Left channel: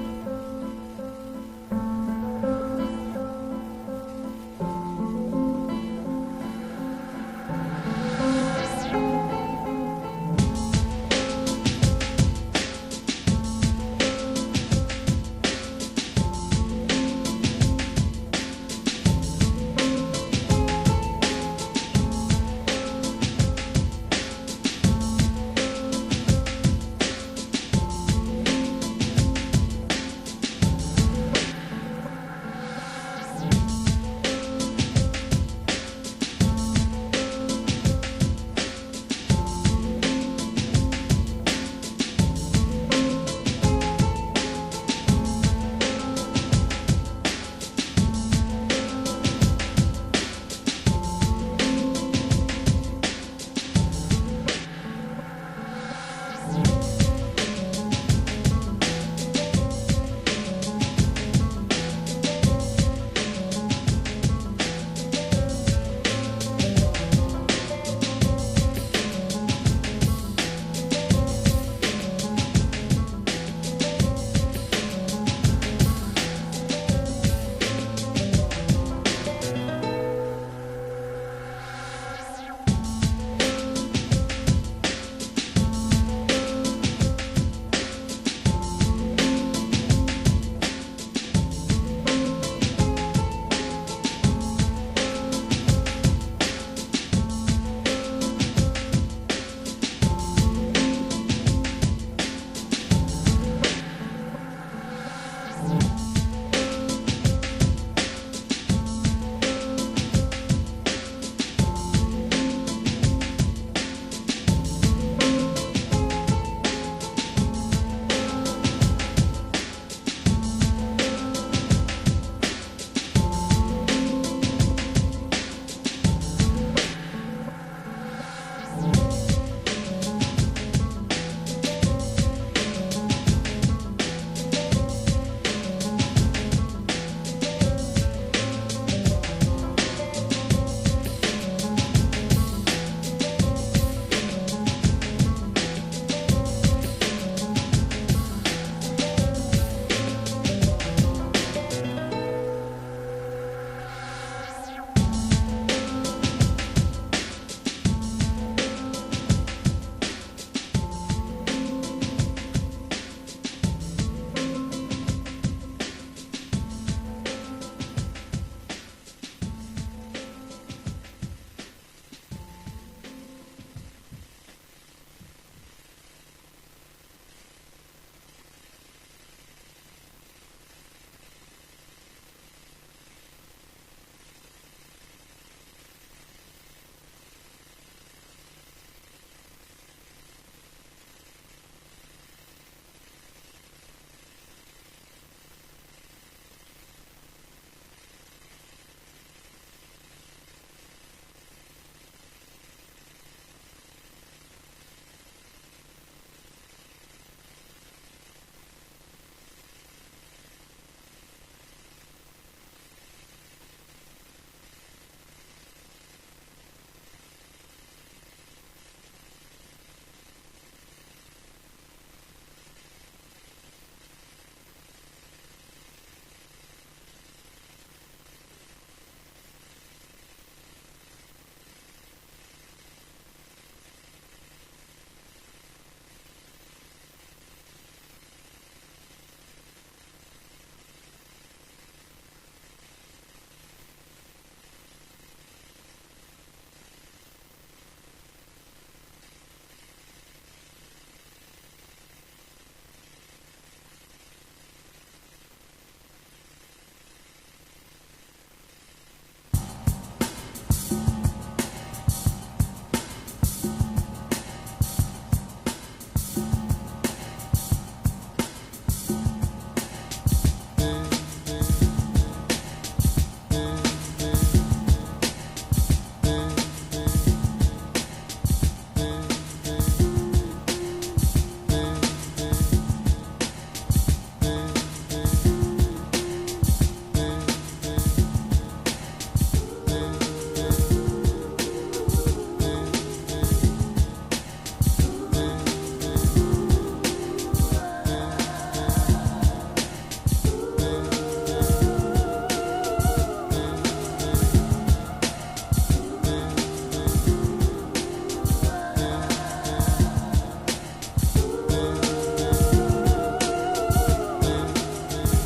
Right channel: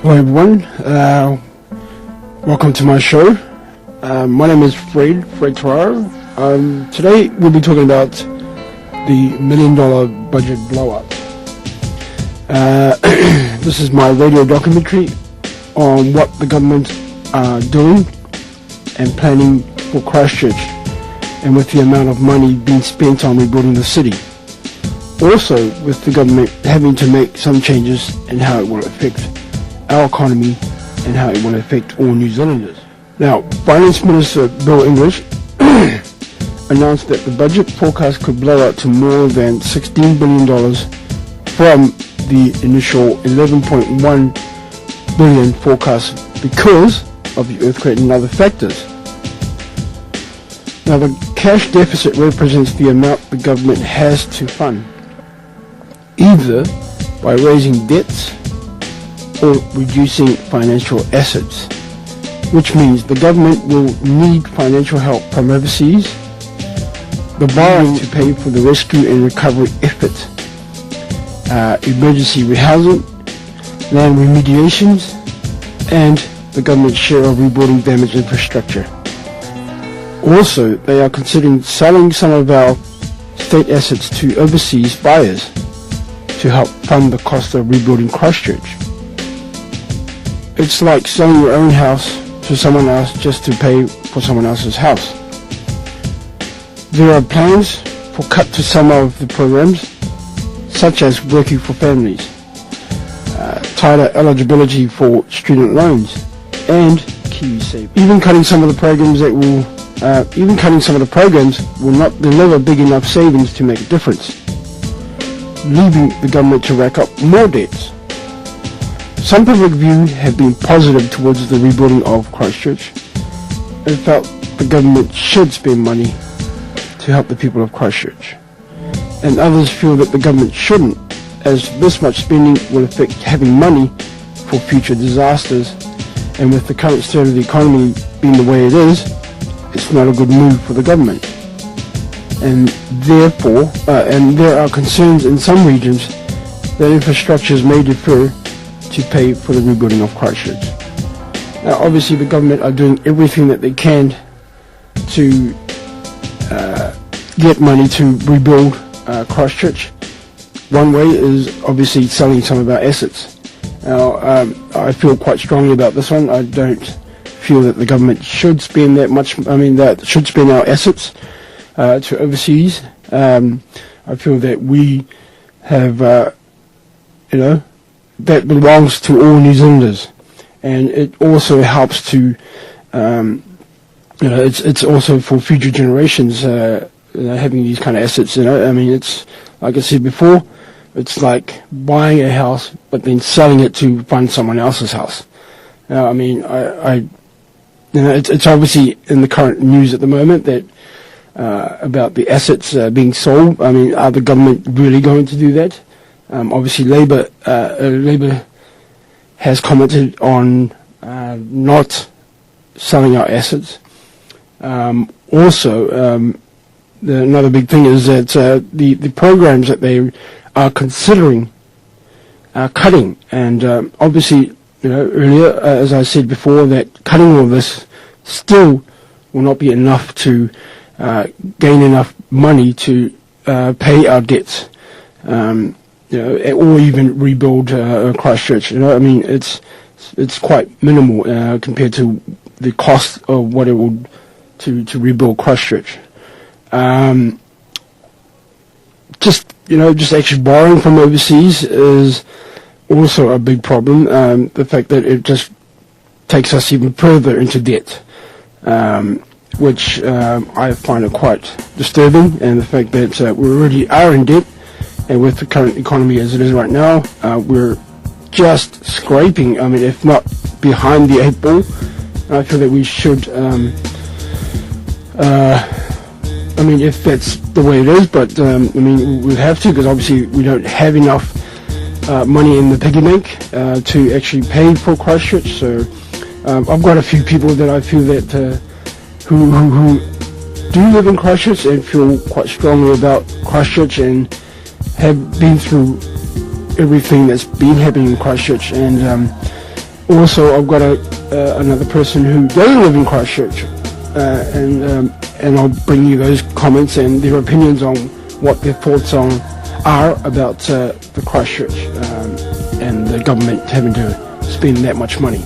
Hello everyone, welcome to my show. My name is Fred Tararo. Today we'll be talking about the $1 million budget blow-up. This is my radio documentary on what the government are doing and planning for Christchurch, and with the amount of money being spent on rebuilding the city. Also with the government having to make some changes in how it will affect our economy and how it will affect all New Zealanders. Now, Finance Minister Bill English announced that the budget forecast could blow out to more than $16 billion from the initial $11.1 billion forecast because of the earthquake and other factors. Now, the cash deficit represents the amount the government has to fund, either by raising debts or reducing financial assets, which means the government will need financial help from overseas, the borrowing to pay for the rescue and recovery efforts, emergency rehousing, land remediations, and the government's share of rebuilding damaged infrastructure. Also, they are considering selling some of our state assets to overseas buyers to help fund the cost of rebuilding Christchurch. It's like selling your own house to someone else just to pay for someone else's house. There are plans for cut to some of the programs, such as working for families, tighter eligibility for student loans, and key savings. Even cutting some of the programs will not deliver big enough savings to make a difference, leaving the government to rack up more debts. Some public view have been positive towards the rebuilding of Christchurch and felt the government should spend money to help the people of Christchurch. And others feel that the government shouldn't, as this much spending will affect having money for future disasters, and with the current state of the economy being the way it is, it's not a good move for the government. And therefore, there are concerns in some regions that infrastructures may defer to pay for the rebuilding of Christchurch. Now, obviously, the government are doing everything that they can to get money to rebuild Christchurch. One way is obviously selling some of our assets. Now, I feel quite strongly about this one. I don't feel that the government should spend that much. That should spend our assets to overseas. I feel that we have, that belongs to all New Zealanders, and it also helps to, it's also for future generations, having these kind of assets. It's like I said before, it's like buying a house but then selling it to fund someone else's house. Now, it's obviously in the current news at the moment that about the assets being sold. Are the government really going to do that? Obviously, Labour has commented on not selling our assets. Another big thing is that the programs that they are considering cutting, and obviously, earlier, as I said before, that cutting all this still will not be enough to gain enough money to pay our debts. Or even rebuild Christchurch. It's quite minimal compared to the cost of what it would to rebuild Christchurch. Just actually borrowing from overseas is also a big problem. The fact that it just takes us even further into debt, which I find it quite disturbing, and the fact that we already are in debt. And with the current economy as it is right now, we're just scraping, if not behind the 8 ball. I feel that we should, if that's the way it is, but, we have to, because obviously we don't have enough money in the piggy bank to actually pay for Christchurch. So I've got a few people that I feel that who do live in Christchurch and feel quite strongly about Christchurch and have been through everything that's been happening in Christchurch, and Also, I've got another person who doesn't live in Christchurch, and I'll bring you those comments and their opinions on what their thoughts are about the Christchurch and the government having to spend that much money.